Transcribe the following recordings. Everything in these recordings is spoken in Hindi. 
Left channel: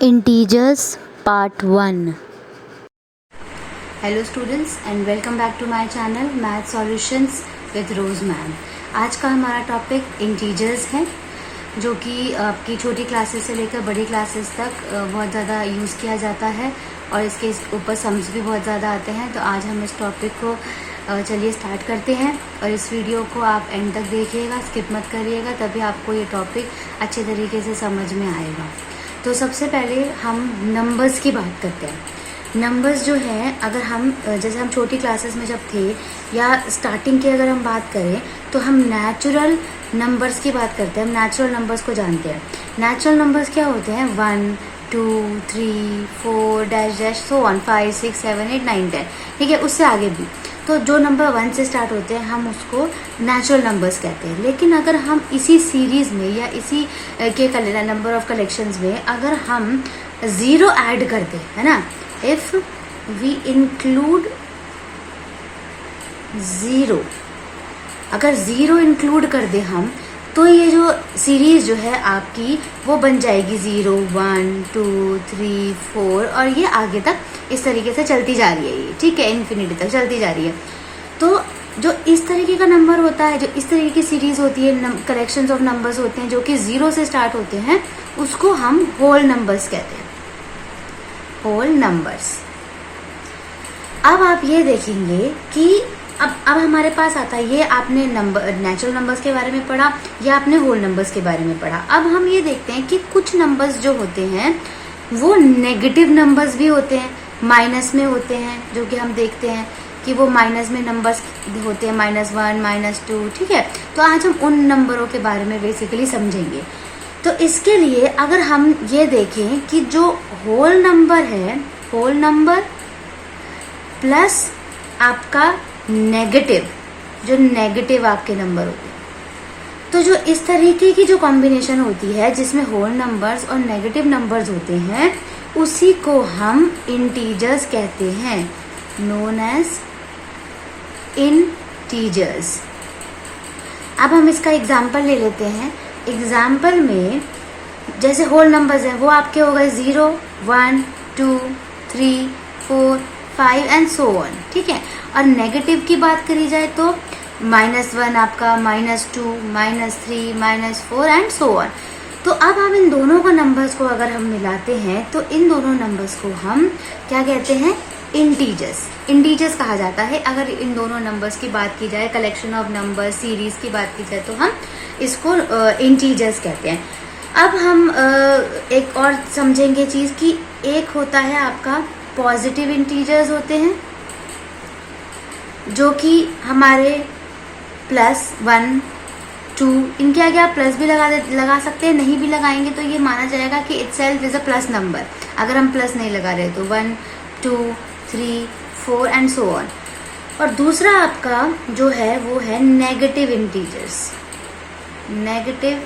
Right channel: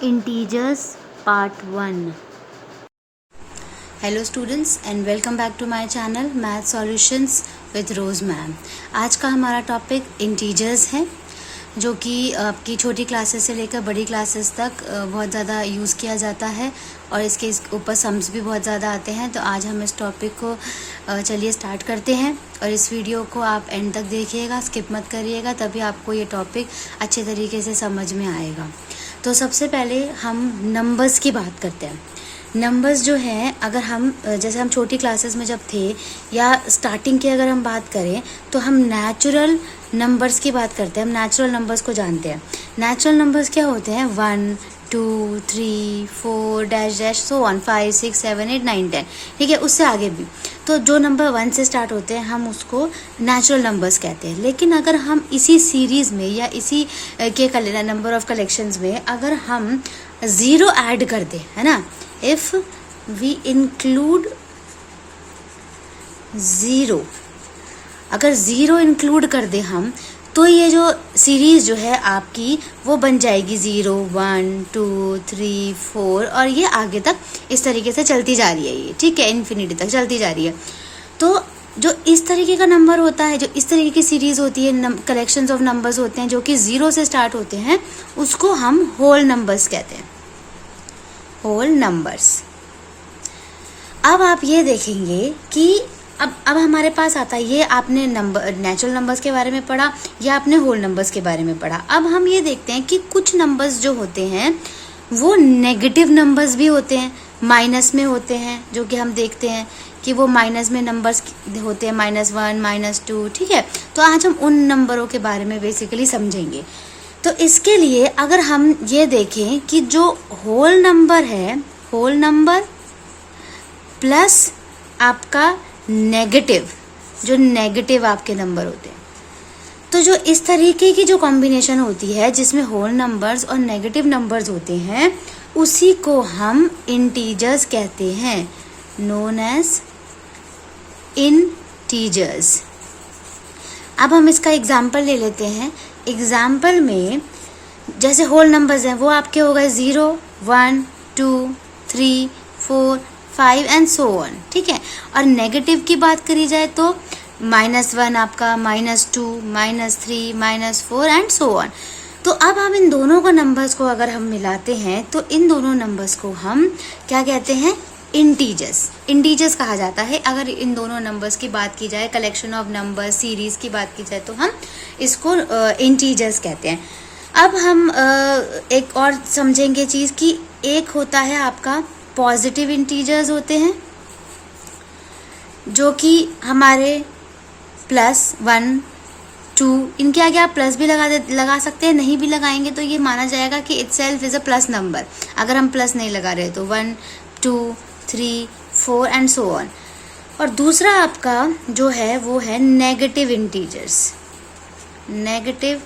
Integers Part 1. Hello students and welcome back to my channel math solutions with Rose ma'am. आज का हमारा टॉपिक इंटीजर्स है, जो कि आपकी छोटी क्लासेस से लेकर बड़ी क्लासेस तक बहुत ज़्यादा यूज़ किया जाता है और इसके ऊपर सम्स भी बहुत ज़्यादा आते हैं। तो आज हम इस टॉपिक को चलिए स्टार्ट करते हैं और इस वीडियो को आप एंड तक देखिएगा, स्किप मत करिएगा, तभी आपको ये टॉपिक अच्छे तरीके से समझ में आएगा। तो सबसे पहले हम नंबर्स की बात करते हैं। नंबर्स जो है, अगर हम जैसे हम छोटी क्लासेस में जब थे या स्टार्टिंग की अगर हम बात करें तो हम नेचुरल नंबर्स की बात करते हैं। हम नेचुरल नंबर्स को जानते हैं। नेचुरल नंबर्स क्या होते हैं? 1 2 3 4 डैश डैश सो ऑन 5 6 7 8 9 10, ठीक है, उससे आगे भी। तो जो नंबर 1 से स्टार्ट होते हैं हम उसको नेचुरल नंबर्स कहते हैं। लेकिन अगर हम इसी सीरीज में या इसी के नंबर ऑफ कलेक्शंस में अगर हम 0 ऐड करते हैं, है ना, इफ वी इंक्लूड 0, अगर 0 इंक्लूड कर दे हम, तो ये जो सीरीज जो है आपकी वो बन जाएगी 0 1 2 3 4 और ये आगे तक इस तरीके से चलती जा रही है, ये ठीक है, इन्फिनिटी तक चलती जा रही है। तो जो इस तरीके का नंबर होता है, जो इस तरीके की सीरीज होती है, कलेक्शंस ऑफ नंबर्स होते हैं जो कि 0 से स्टार्ट होते हैं, उसको हम होल नंबर्स कहते हैं, होल नंबर्स। अब आप ये देखेंगे कि अब हमारे पास आता है, ये आपने नंबर नेचुरल नंबर्स के बारे में पढ़ा या आपने होल नंबर्स के बारे में पढ़ा। अब हम ये देखते हैं कि कुछ नंबर्स जो होते हैं वो नेगेटिव नंबर्स भी होते हैं, माइनस में होते हैं, जो कि हम देखते हैं कि वो माइनस में नंबर्स होते हैं, -1 -2, ठीक है। तो आज हम उन नंबरों के बारे में बेसिकली समझेंगे। तो इसके लिए अगर हम ये देखें कि जो होल नंबर है, होल नंबर प्लस आपका नेगेटिव, जो नेगेटिव आपके नंबर होते हैं, तो जो इस तरीके की जो कॉम्बिनेशन होती है जिसमें होल नंबर्स और नेगेटिव नंबर्स होते हैं, उसी को हम इंटीजर्स कहते हैं, नोन एज इंटीजर्स। अब हम इसका एग्जाम्पल ले लेते हैं। एग्जाम्पल में जैसे होल नंबर्स हैं वो आपके हो गए 0 1 2 3 4 5 एंड सो ऑन, ठीक है। और नेगेटिव की बात करी जाए तो -1 आपका, -2 -3 -4 एंड सो ऑन। तो अब हम इन दोनों का नंबर्स को अगर हम मिलाते हैं तो इन दोनों नंबर्स को हम क्या कहते हैं? इंटीजर्स। इंटीजर्स कहा जाता है। अगर इन दोनों नंबर्स की बात की जाए, कलेक्शन ऑफ नंबर सीरीज की बात की जाए, तो हम इसको इंटीजर्स कहते हैं। अब हम एक और समझेंगे चीज़ कि एक होता है आपका पॉजिटिव इंटीजर्स होते हैं, जो कि हमारे +1 2, इनके आगे आप प्लस भी लगा सकते हैं, नहीं भी लगाएंगे तो ये माना जाएगा कि itself is a plus number. अगर हम प्लस नहीं लगा रहे तो 1 2 3 4 एंड सो ऑन। और दूसरा आपका जो है वो है नेगेटिव इंटीजर्स। नेगेटिव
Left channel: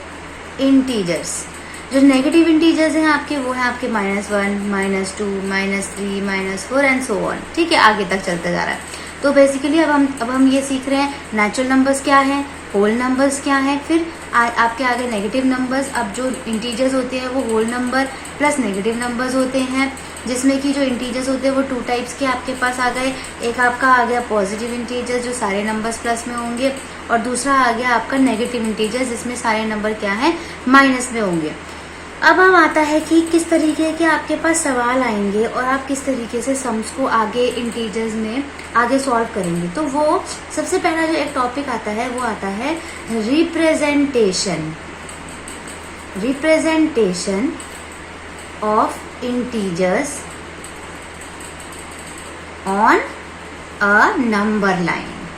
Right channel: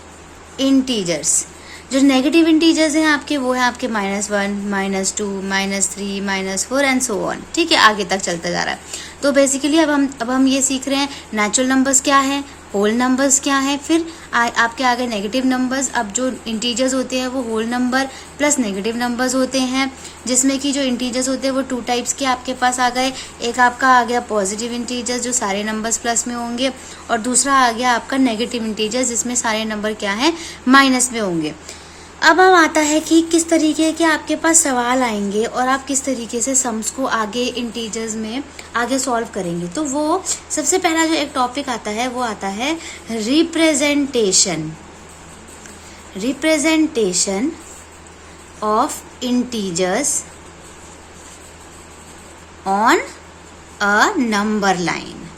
इंटीजर्स, जो नेगेटिव इंटीजर्स हैं आपके, वो है आपके -1 -2 -3 -4 एंड सो ऑन, ठीक है, आगे तक चलता जा रहा है। तो बेसिकली अब हम ये सीख रहे हैं नेचुरल नंबर्स क्या हैं, होल नंबर्स क्या हैं, फिर आपके आगे नेगेटिव नंबर्स। अब जो इंटीजर्स होते हैं वो whole number plus negative numbers होते हैं, जिसमें कि जो इंटीजर्स होते हैं वो 2 टाइप्स के आपके पास आ गए। एक आपका आ गया पॉजिटिव इंटीजर्स, जो सारे नंबर्स प्लस में होंगे, और दूसरा आ गया आपका नेगेटिव इंटीजर्स, जिसमें सारे नंबर क्या हैं? माइनस में होंगे। अब आता है कि किस तरीके के आपके पास सवाल आएंगे और आप किस तरीके से सम्स को आगे इंटीजर्स में आगे सॉल्व करेंगे। तो वो सबसे पहला जो एक टॉपिक आता है वो आता है representation. Representation of integers on a number line.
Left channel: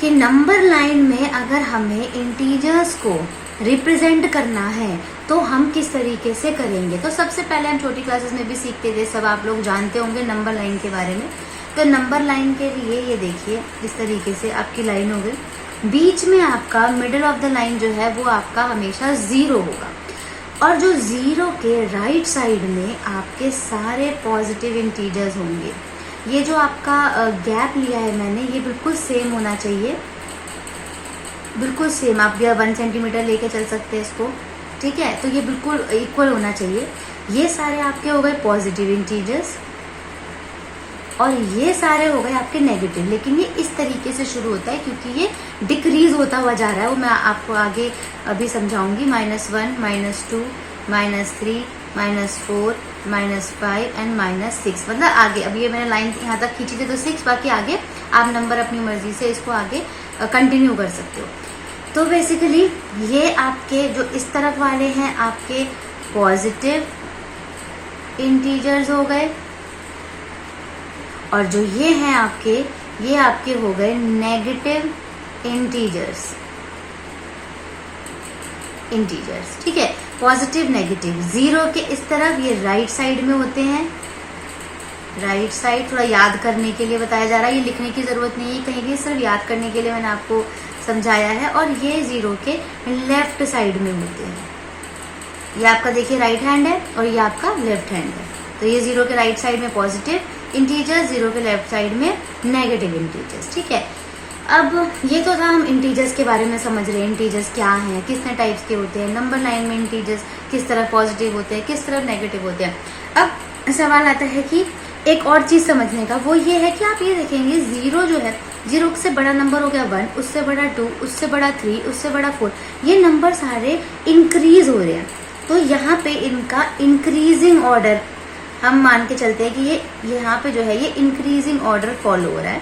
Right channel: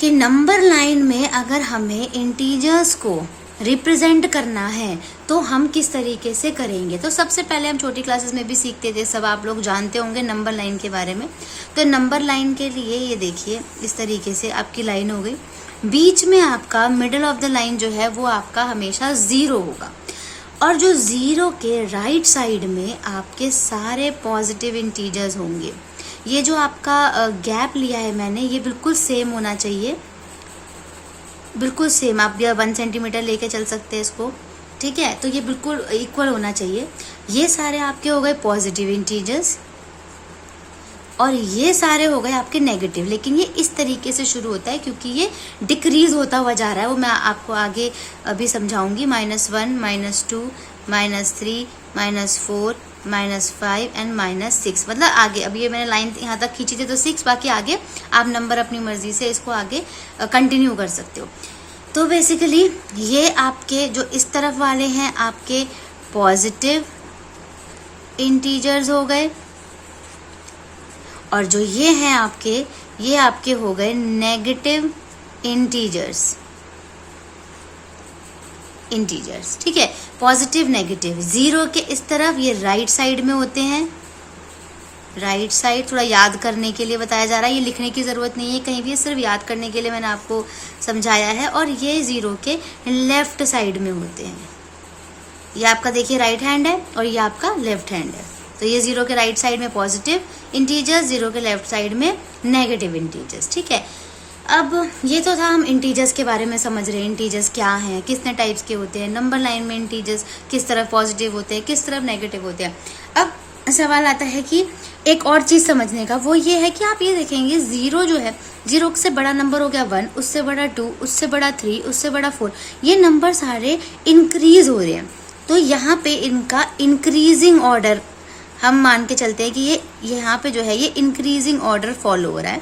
कि नंबर लाइन में अगर हमें इंटीजर्स को रिप्रेजेंट करना है तो हम किस तरीके से करेंगे। तो सबसे पहले हम छोटी क्लासेस में भी सीखते थे, सब आप लोग जानते होंगे नंबर लाइन के बारे में। तो नंबर लाइन के लिए ये देखिए, इस तरीके से आपकी लाइन हो गई, बीच में आपका मिडिल ऑफ द लाइन जो है वो आपका हमेशा 0 होगा, और जो 0 के राइट साइड में आपके सारे पॉजिटिव इंटीजर्स होंगे। ये जो आपका गैप लिया है मैंने, ये बिल्कुल सेम होना चाहिए, बिल्कुल सेम। आप 1 सेंटीमीटर लेके चल सकते हैं इसको, ठीक है, तो ये बिल्कुल इक्वल होना चाहिए। ये सारे आपके हो गए पॉजिटिव इंटीजर्स और ये सारे हो गए आपके नेगेटिव, लेकिन ये इस तरीके से शुरू होता है क्योंकि ये डिक्रीज होता हुआ जा रहा है, वो मैं आपको आगे अभी समझाऊंगी। -1, -2, -3, -4, -5 एंड -6, मतलब आगे। अब ये मैंने लाइन यहाँ तक खींची थी तो 6, बाकी आगे आप नंबर अपनी मर्जी से इसको आगे कंटिन्यू कर सकते हो। तो बेसिकली ये आपके जो इस तरफ वाले हैं आपके पॉजिटिव इंटीजर्स हो गए, और जो ये हैं आपके, ये आपके हो गए नेगेटिव इंटीजर्स। ठीक है, पॉजिटिव नेगेटिव। 0 के इस तरफ ये राइट साइड में होते हैं, राइट साइड थोड़ा याद करने के लिए बताया जा रहा है, ये लिखने की ज़रूरत नहीं है कहीं भी, सिर्फ याद करने के लिए मैंने आपको समझाया है। और ये 0 के लेफ्ट साइड में होते हैं, ये आपका देखिए राइट हैंड है और ये आपका लेफ्ट हैंड है। तो ये 0 के राइट साइड में पॉजिटिव इंटीजर्स, 0 के लेफ्ट साइड में नेगेटिव इंटीजर्स। ठीक है, अब ये तो था हम इंटीजर्स के बारे में समझ रहे हैं, इंटीजर्स क्या हैं, कितने टाइप्स के होते हैं, नंबर लाइन में इंटीजर्स किस तरह पॉजिटिव होते हैं, किस तरह नेगेटिव होते हैं। अब सवाल आता है कि एक और चीज़ समझने का, वो ये है कि आप ये देखेंगे 0 जो है, 0 से बड़ा नंबर हो गया 1, उससे बड़ा 2, उससे बड़ा 3, उससे बड़ा 4, ये नंबर सारे इंक्रीज हो रहे हैं। तो यहाँ पे इनका इंक्रीजिंग ऑर्डर हम मान के चलते हैं कि ये यहाँ पे जो है ये इंक्रीजिंग ऑर्डर फॉलो हो रहा है।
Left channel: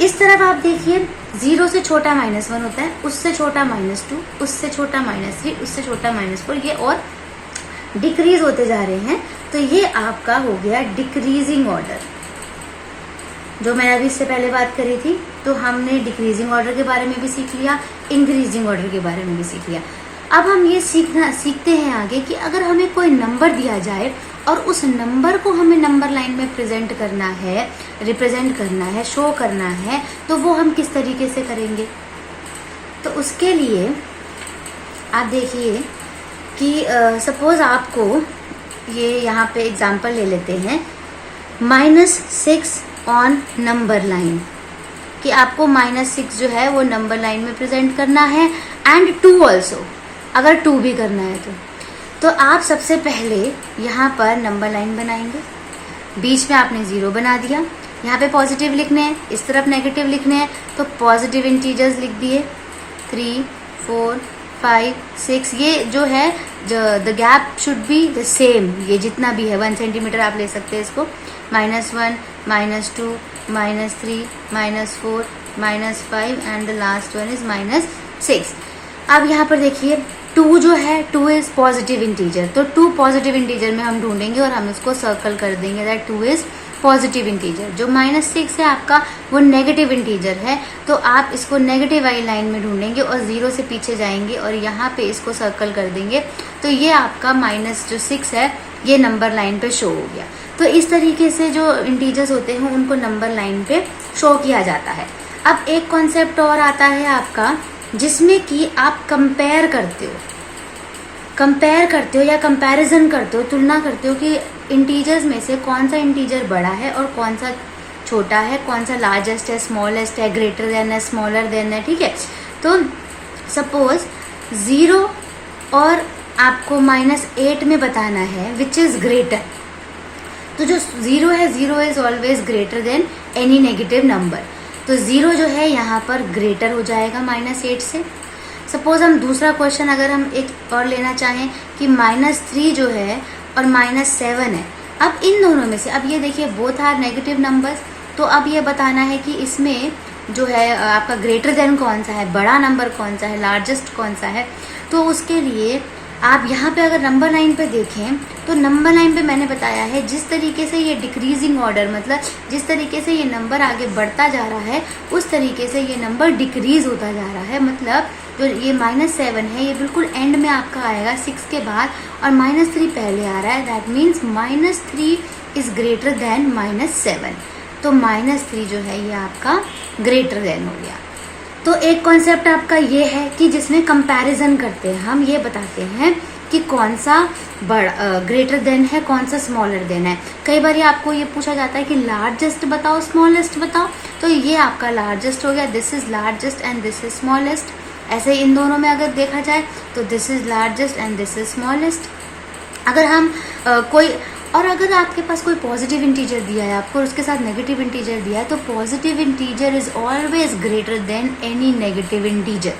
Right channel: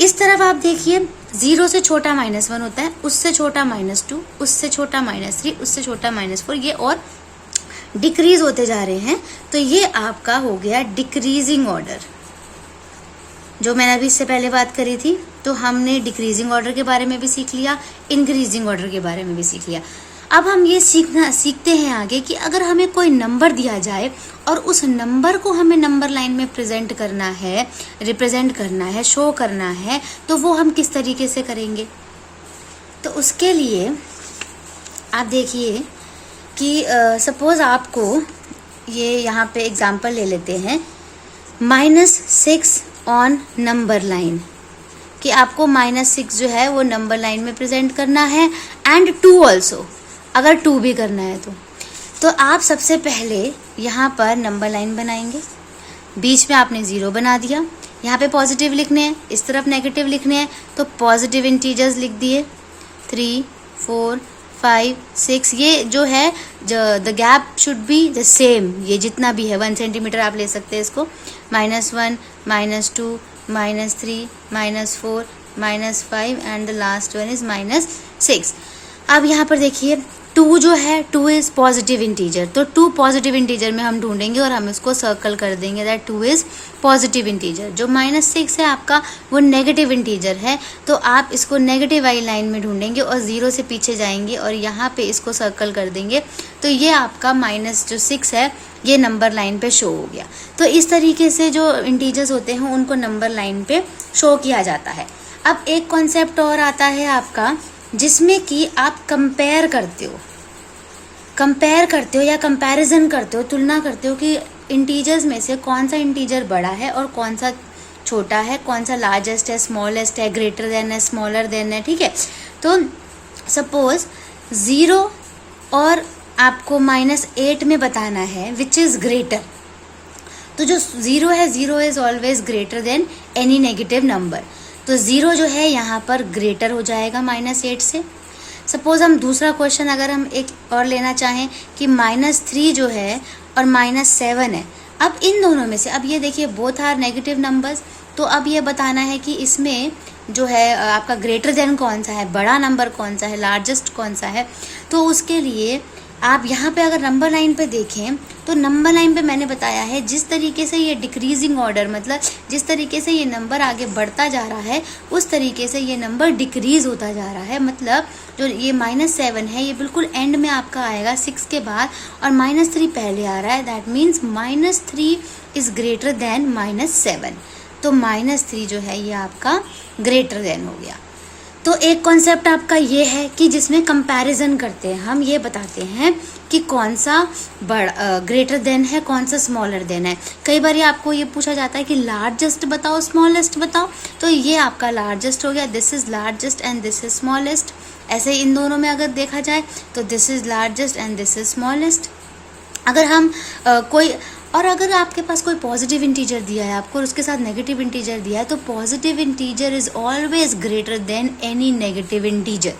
इस तरफ आप देखिए 0 से छोटा -1 होता है, उससे छोटा -2, उससे छोटा -3, उससे छोटा -4, ये और डिक्रीज होते जा रहे हैं। तो ये आपका हो गया डिक्रीजिंग ऑर्डर, जो मैंने अभी इससे पहले बात करी थी। तो हमने डिक्रीजिंग ऑर्डर के बारे में भी सीख लिया, इंक्रीजिंग ऑर्डर के बारे में भी सीख लिया। अब हम ये सीखते हैं आगे कि अगर हमें कोई नंबर दिया जाए और उस नंबर को हमें नंबर लाइन में प्रेजेंट करना है, रिप्रेजेंट करना है, शो करना है, तो वो हम किस तरीके से करेंगे। तो उसके लिए आप देखिए कि सपोज आपको ये यहाँ पे एग्जांपल ले लेते हैं, -6 ऑन नंबर लाइन, कि आपको -6 जो है वो नंबर लाइन में प्रेजेंट करना है, एंड 2 ऑल्सो, अगर 2 भी करना है तो आप सबसे पहले यहाँ पर नंबर लाइन बनाएंगे, बीच में आपने 0 बना दिया, यहाँ पे पॉजिटिव लिखने हैं, इस तरफ नेगेटिव लिखने हैं, तो पॉजिटिव इंटीजर्स लिख दिए 3, 4, 5, 6। ये जो है the gap should be the same, ये जितना भी है 1 सेंटीमीटर आप ले सकते हैं इसको। -1, -2, -3, -4, -5 and the last one is -6। अब यहाँ पर देखिए 2 जो है, 2 इज पॉजिटिव इंटीजर, तो 2 पॉजिटिव इंटीजर में हम ढूंढेंगे और हम इसको सर्कल कर देंगे दैट 2 इज पॉजिटिव इंटीजर। जो -6 है आपका वो नेगेटिव इंटीजर है, तो आप इसको नेगेटिव वाली लाइन में ढूंढेंगे और 0 से पीछे जाएंगे और यहाँ पे इसको सर्कल कर देंगे, तो ये आपका -6 है, ये नंबर लाइन पे शो हो गया। तो इस तरीके से जो इंटीजर्स होते हैं उनको नंबर लाइन पे शो किया जाता है। अब एक कॉन्सेप्ट और आता है आपका, जिसमें कि आप कंपेयर करते हो या कंपैरिजन करते हो, तुलना करते हो कि इंटीजर्स में से कौन सा इंटीजर बड़ा है और कौन सा छोटा है, कौन सा लार्जेस्ट है, स्मॉलेस्ट है, ग्रेटर देन है, स्मॉलर देन है। ठीक है, तो सपोज 0 और आपको -8 में बताना है विच इज ग्रेटर, तो जो 0 है, 0 is always greater than any negative number, तो 0 जो है यहाँ पर ग्रेटर हो जाएगा -8 से। सपोज हम दूसरा क्वेश्चन अगर हम एक और लेना चाहें कि -3 जो है और -7 है, अब इन दोनों में से, अब ये देखिए बोथ आर नेगेटिव नंबर्स, तो अब ये बताना है कि इसमें जो है आपका ग्रेटर देन कौन सा है, बड़ा नंबर कौन सा है, लार्जेस्ट कौन सा है। तो उसके लिए आप यहाँ पे अगर नंबर लाइन पे देखें तो नंबर लाइन पे मैंने बताया है जिस तरीके से ये डिक्रीजिंग ऑर्डर, मतलब जिस तरीके से ये नंबर आगे बढ़ता जा रहा है उस तरीके से ये नंबर डिक्रीज होता जा रहा है। मतलब जो ये -7 है ये बिल्कुल एंड में आपका आएगा 6 के बाद, और -3 पहले आ रहा है, that means -3 is greater than -7, तो -3 जो है ये आपका ग्रेटर देन हो गया। तो एक कॉन्सेप्ट आपका ये है कि जिसमें कंपैरिजन करते हैं, हम ये बताते हैं कि कौन सा ग्रेटर देन है, कौन सा स्मॉलर देन है। कई बार आपको ये पूछा जाता है कि लार्जेस्ट बताओ, स्मॉलेस्ट बताओ, तो ये आपका लार्जेस्ट हो गया, this is largest and this is smallest. ऐसे इन दोनों में अगर देखा जाए तो this is largest and this is smallest. अगर हम अगर आपके पास कोई पॉजिटिव इंटीजर दिया है आपको और उसके साथ नेगेटिव इंटीजर दिया है, तो positive integer is always greater than any negative integer.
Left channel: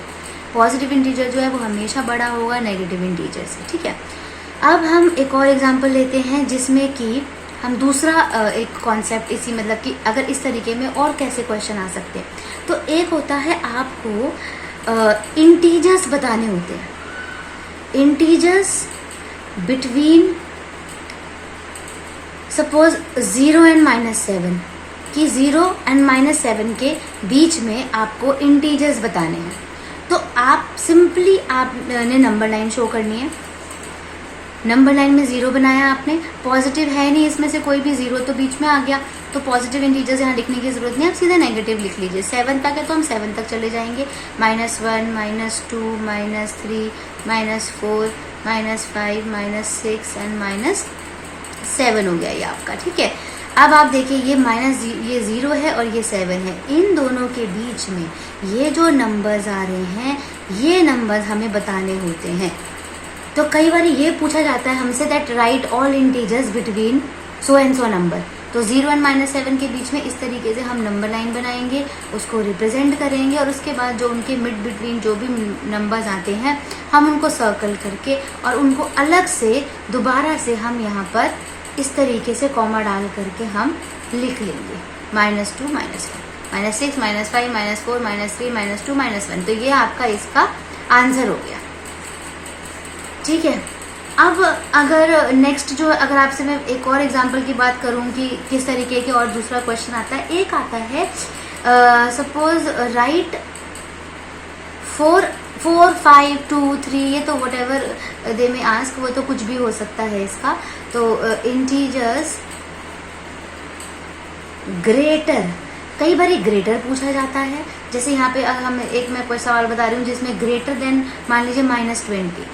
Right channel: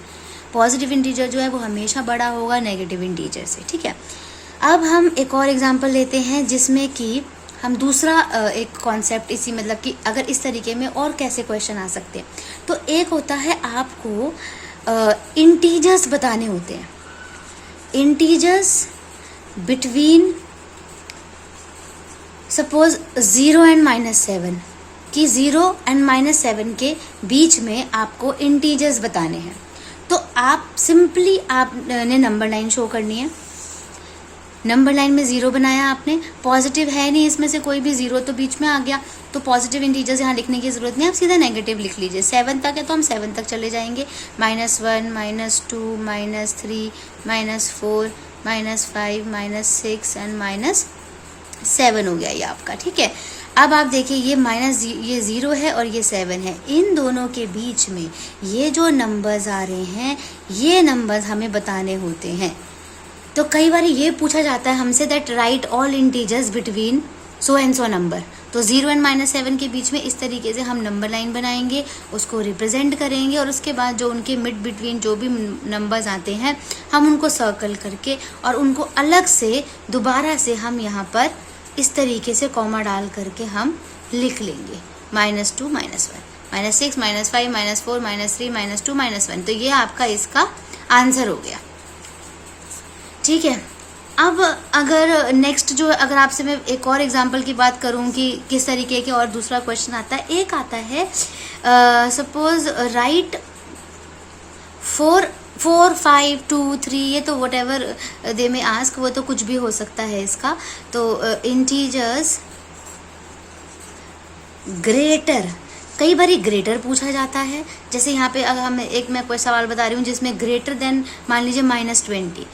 Positive integer जो है वो हमेशा बड़ा होगा नेगेटिव इंटीजर से, ठीक है। अब हम एक और एग्जांपल लेते हैं जिसमें कि हम दूसरा एक कॉन्सेप्ट इसी मतलब कि अगर इस तरीके में और कैसे क्वेश्चन आ सकते हैं। तो एक होता है आपको इंटीजर्स बताने होते हैं, इंटीजर्स बिटवीन सपोज 0 एंड -7 कि 0 एंड -7 के बीच में आपको इंटीजर्स बताने हैं। तो आप सिंपली आपने नंबर लाइन शो करनी है। नंबर लाइन में 0 बनाया आपने, पॉजिटिव है नहीं इसमें से कोई भी, 0 तो बीच में आ गया, तो पॉजिटिव इंटीजर्स यहाँ लिखने की जरूरत नहीं, आप सीधे नेगेटिव लिख लीजिए। 7 तक है तो हम 7 तक चले जाएंगे, -1 -2 -3 -4 -5 -6 एंड -7 हो गया ये आपका, ठीक है। अब आप देखिए ये 0 है और ये 7 है, इन दोनों के बीच में ये जो नंबर्स आ रहे हैं ये नंबर्स हमें बताने होते हैं। तो कई बार ये पूछा जाता है हमसे that right all integers between so and so number. तो 0 एंड -7 के बीच में इस तरीके से हम नंबर लाइन बनाएंगे, उसको रिप्रेजेंट करेंगे और उसके बाद जो उनके मिड बिटवीन जो भी नंबर्स आते हैं हम उनको सर्कल करके और उनको अलग से दोबारा से हम यहाँ पर इस तरीके से कॉमा डाल करके हम लिख लेंगे -2 -1 -6 -5 -4 -3 -2 -1। तो ये आपका इसका आंसर हो गया, ठीक है। अब अगर नेक्स्ट जो अगर आपसे मैं एक और एग्जांपल की बात करूं कि किस तरीके के और दूसरा क्वेश्चन आता है, एक आता है सपोज राइट 4 5 2 3, ये तो वट एवर दे में आस्क, वो तो कुछ भी हो सकता है इसका। तो इंटीजर्स ग्रेटर, कई बार ग्रेटर पूछा जाता है, जैसे यहाँ पे हम मैं कोई सवाल बता रही हूँ जिसमें ग्रेटर देन मान लीजिए -20,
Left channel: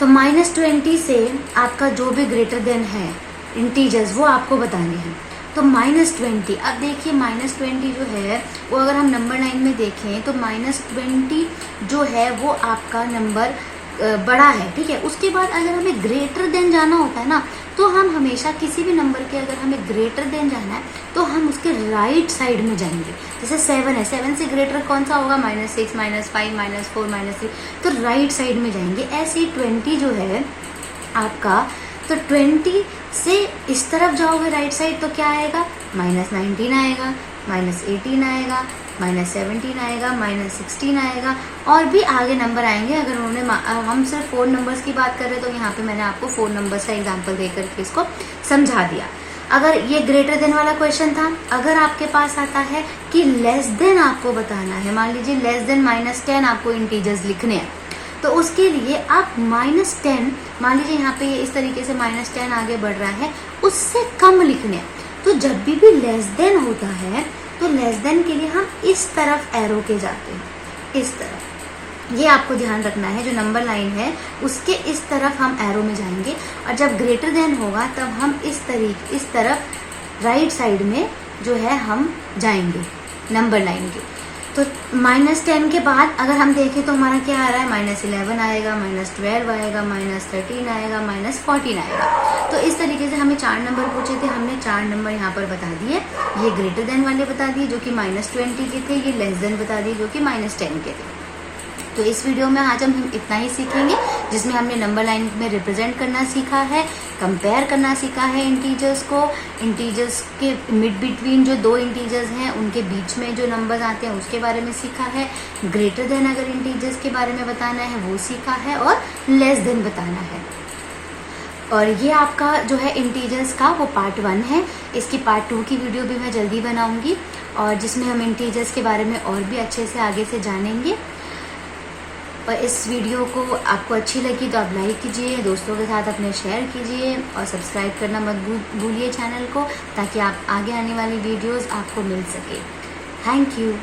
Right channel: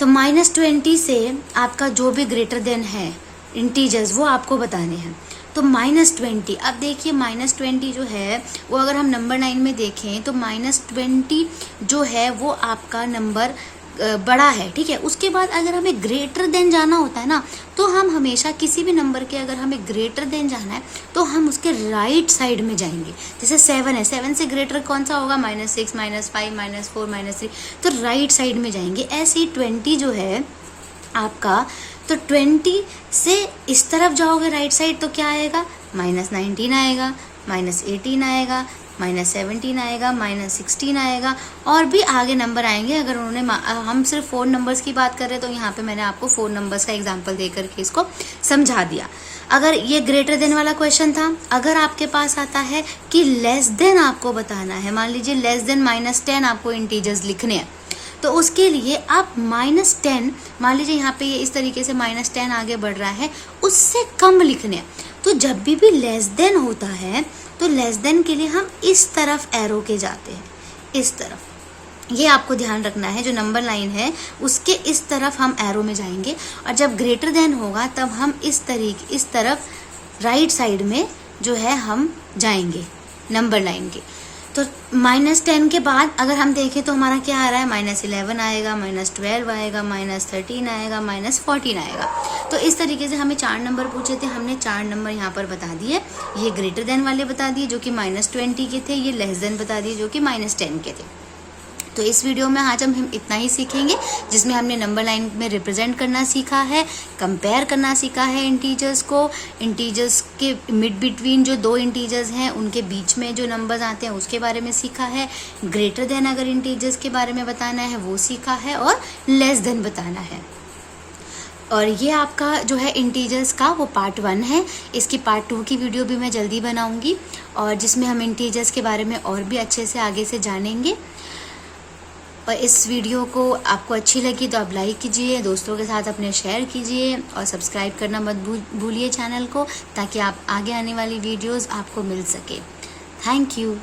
तो -20 से आपका जो भी ग्रेटर देन है इंटीजर्स वो आपको बताने हैं। तो -20, अब देखिए -20 जो है वो अगर हम नंबर लाइन में देखें तो -20 जो है वो आपका नंबर बड़ा है, ठीक है। उसके बाद अगर हमें ग्रेटर देन जाना होता है ना, तो हम हमेशा किसी भी नंबर के अगर हमें ग्रेटर देन जाना है तो हम उसके राइट साइड में जाएंगे। जैसे 7 है, 7 से ग्रेटर कौन सा होगा, -6 -5 -4 -3, तो राइट साइड में जाएंगे। ऐसे ही 20 जो है आपका, तो 20 से इस तरफ जाओगे राइट साइड तो क्या आएगा, -19 आएगा, -18 आएगा, -17 आएगा, -16 आएगा और भी आगे नंबर आएंगे। अगर उन्होंने हम सिर्फ 4 नंबर्स की बात कर रहे हैं तो यहाँ पे मैंने आपको 4 नंबर्स का एग्जांपल देकर के इसको समझा दिया। अगर ये ग्रेटर देन वाला क्वेश्चन था, अगर आपके पास आता है कि लेस देन आपको बताना है, मान लीजिए लेस देन -10 आपको इंटीजर्स लिखने हैं, तो उसके लिए आप -10 मान लीजिए यहाँ पे इस तरीके से -10 आगे बढ़ रहा है, उससे कम लिखने हैं। तो जब भी लेस देन होता है तो लेस देन के लिए हम इस तरफ एरो के जाते हैं, इस तरफ। ये आपको ध्यान रखना है, जो नंबर लाइन है उसके इस तरफ हम एरो में जाएंगे और जब ग्रेटर देन होगा तब हम इस तरफ राइट साइड में जो है हम जाएंगे नंबर लाइन के। तो -10 के बाद अगर हम देखें तो हमारा क्या आ रहा है, -11 आएगा, -12 आएगा, -13 आएगा, -14 आएगा। तो इस तरीके से हमें 4 नंबर पूछे थे, हमने 4 नंबर यहाँ पर बता दिए। ये ग्रेटर देन वाले बता दिए जो कि -20 के थे, ये लेस देन बता दिए जो कि -10 के थे। तो इस वीडियो में आज हम इतना ही सीखेंगे, जिसमें हमने नंबर लाइन में रिप्रेजेंट करना सीखा है, कंपेयर करना सीखा है इंटीजर्स को, इंटीजर्स के मिड बिटवीन जो 2 इंटीजर्स हैं उनके बीच में जो नंबर्स आते हैं उसके बारे में सीखा है, ग्रेटर देन अगर इंटीजर्स के बारे में बताना है वो सीखा है और लेस देन बताना है। और ये आपका जो है इंटीजर्स का वो पार्ट 1 है। इसकी पार्ट 2 की वीडियो भी मैं जल्दी बनाऊंगी और जिसमें हम इंटीजर्स के बारे में और भी अच्छे से आगे से जानेंगे। और इस वीडियो को आपको अच्छी लगी तो आप लाइक कीजिए, दोस्तों के साथ अपने शेयर कीजिए और सब्सक्राइब करना मत भूलिए चैनल को, ताकि आप आगे आने वाली वीडियोस आपको मिल सके। Thank you.